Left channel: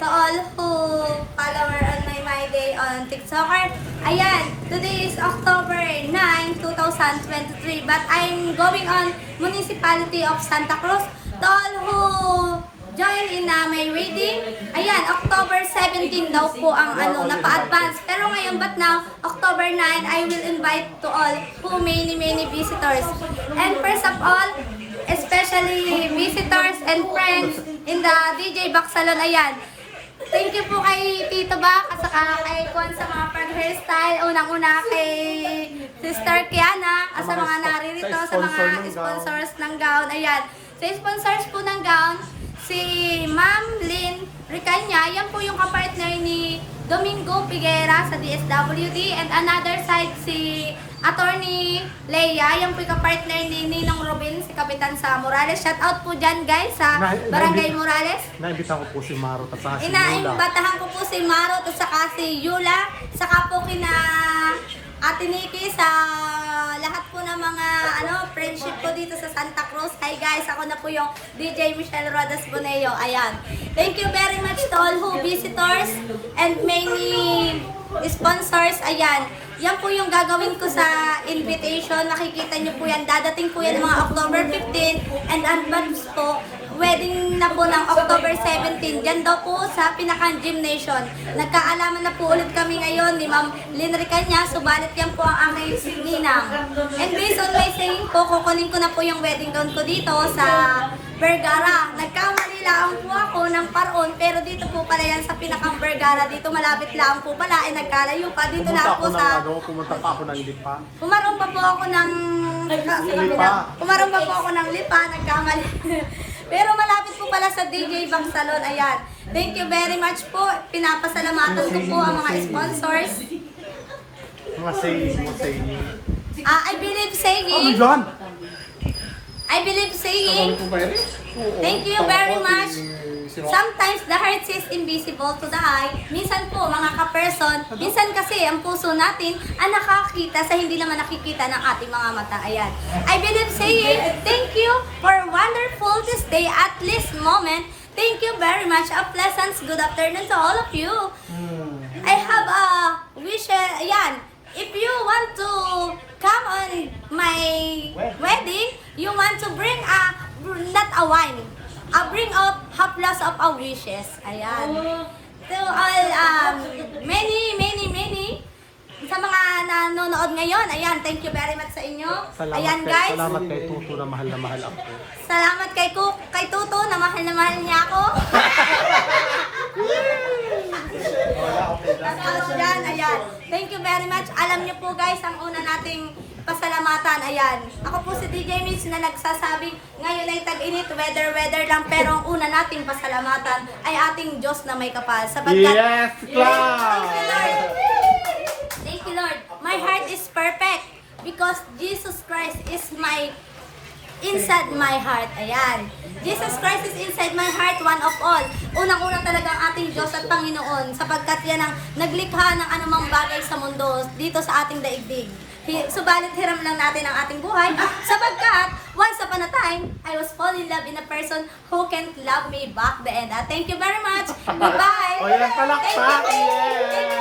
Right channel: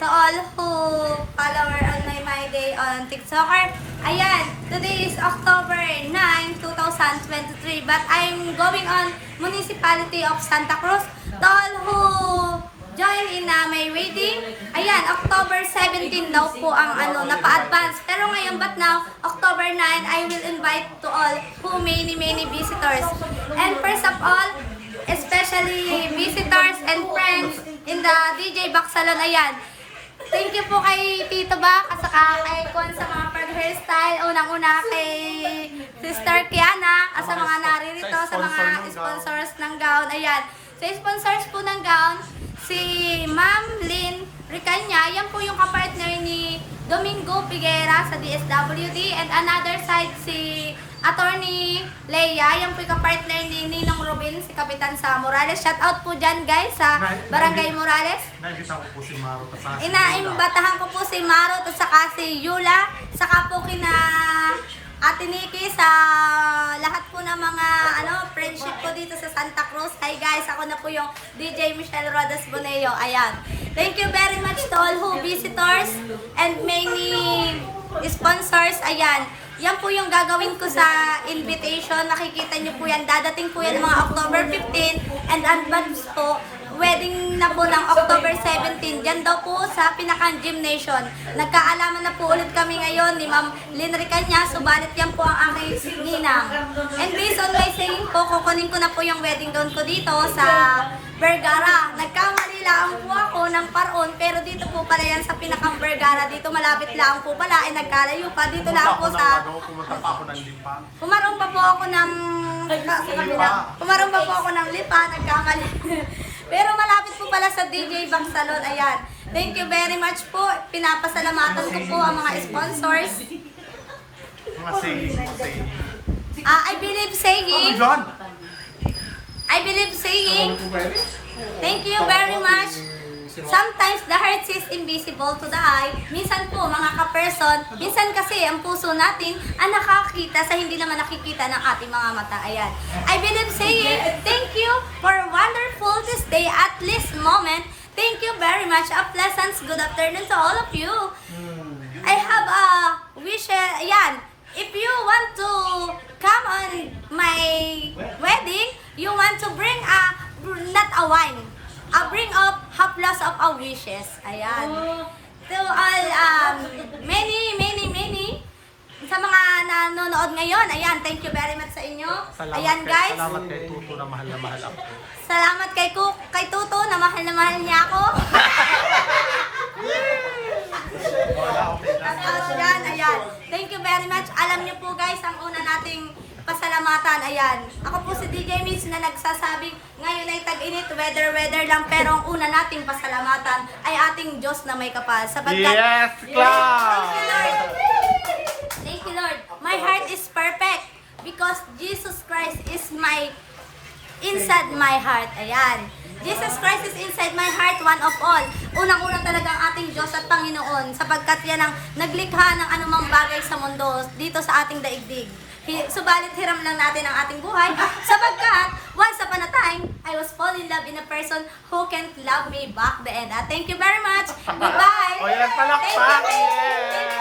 to all who follower on my day on TikToker. Ayan, today is October 9, 2023, but I'm going on Municipality of Santa Cruz. To all who join in my wedding, ayan, October 17 daw po ang napa-advance. Pero ngayon, but now, October 9, I will invite to all who many visitors. And first of all, especially visitors and friends in the DJ Box Salon, ayan. Thank you po kay Tito Bak at saka kay Juan sa mga pag-hairstyle. Unang-una kay Sister Kiana at sa mga naririto, sa mga sponsors ng gown. Ayan, sa sponsors po ng gown, si Ma'am Lynn Ricanya, yan po yung kapartner ni Domingo Figuera sa DSWD, and another side si Attorney Leia, yan po yung kapartner ni Ninong Robin, si Kapitan sa Morales. Shout out po dyan guys sa Barangay Morales. Naimbitahan ko po si Maro at saka si Yula. Inaimbatahan ko po si Maro at saka si Yula, saka po kina Ate Nikki, sa lahat po ng mga friendship ko dito sa Santa Cruz. Hi guys, ako na po yung DJ Michelle Rodas Boneo. Ayan. Thank you very much to all who visitors and many sponsors. Ayan. Yan po yung gagawin ko sa invitation. Nakikita nyo po yan. Dadating po yan mga October 15 and advance po. Wedding na po ng October 17. Diyan daw po sa Pinakang Gymnasium. Nagkaalaman na po ulit kami ngayon ni Ma'am Lynn Ricanya. Subalit yan po ang aking ninang. And based on my saying po, kukunin ko na po yung wedding gown ko dito sa Vergara. Nagkamali lang po ako ng Paraon, pero dito po pala yan sa Pinakang Vergara. Dito malapit lang po pala, ay nagkalayo pa. Dito lang po sa... Pumunta pa ako ng Lipa. Pumarong pa po ako ng... Pumarong pa po ako ng Lipa, nagkamali. Pero malapit po pala sa DJ Box Salon. Ayan. Thank you very much po. Pinapasalamatan ko po ang mga sponsors. Mga saying. I believe saying. John! I believe saying. Thank you very much. Sometimes the heart is invisible to the eye. Minsan po mga ka-person, minsan kasi ang puso natin ang nakakita sa hindi naman nakikita ng ating mga mata. Ayan. I believe saying, thank you for wonderful this day at this moment. Thank you very much. A pleasant good afternoon to all of you. I have a wish. Ayan. If you want to come on my wedding, you want to bring not a wine. Bring up haplas of our wishes. Ayan. To all, many. Sa mga nanonood ngayon, ayan, thank you very much sa inyo. Ayan guys. Salamat kay Tuto na mahal ako. Salamat kay Tuto na mahal niya ako. Ayan. Thank you very much. Alam niyo po guys, ang una nating pasalamatan, ayan. Ako po si DJ Mitch na nagsasabing ngayon ay tag-init, weather lang, pero ang una nating pasalamatan ay ating Diyos na may kapal. Sapagkat, Yes, thank you Lord. Thank you Lord. My heart is perfect because Jesus Christ is inside my heart. Ayan. Jesus Christ is inside my heart, one of all. Unang-una talaga ang ating Diyos at Panginoon, sapagkat yan ang naglikha ng anumang bagay sa mundo dito sa ating daigdig. Subalit hiram lang natin ang ating buhay, sapagkat once upon a time, I was fall in love in a person who can't love me back the end. Thank you very much. Goodbye. O yan, palakpak. Thank you.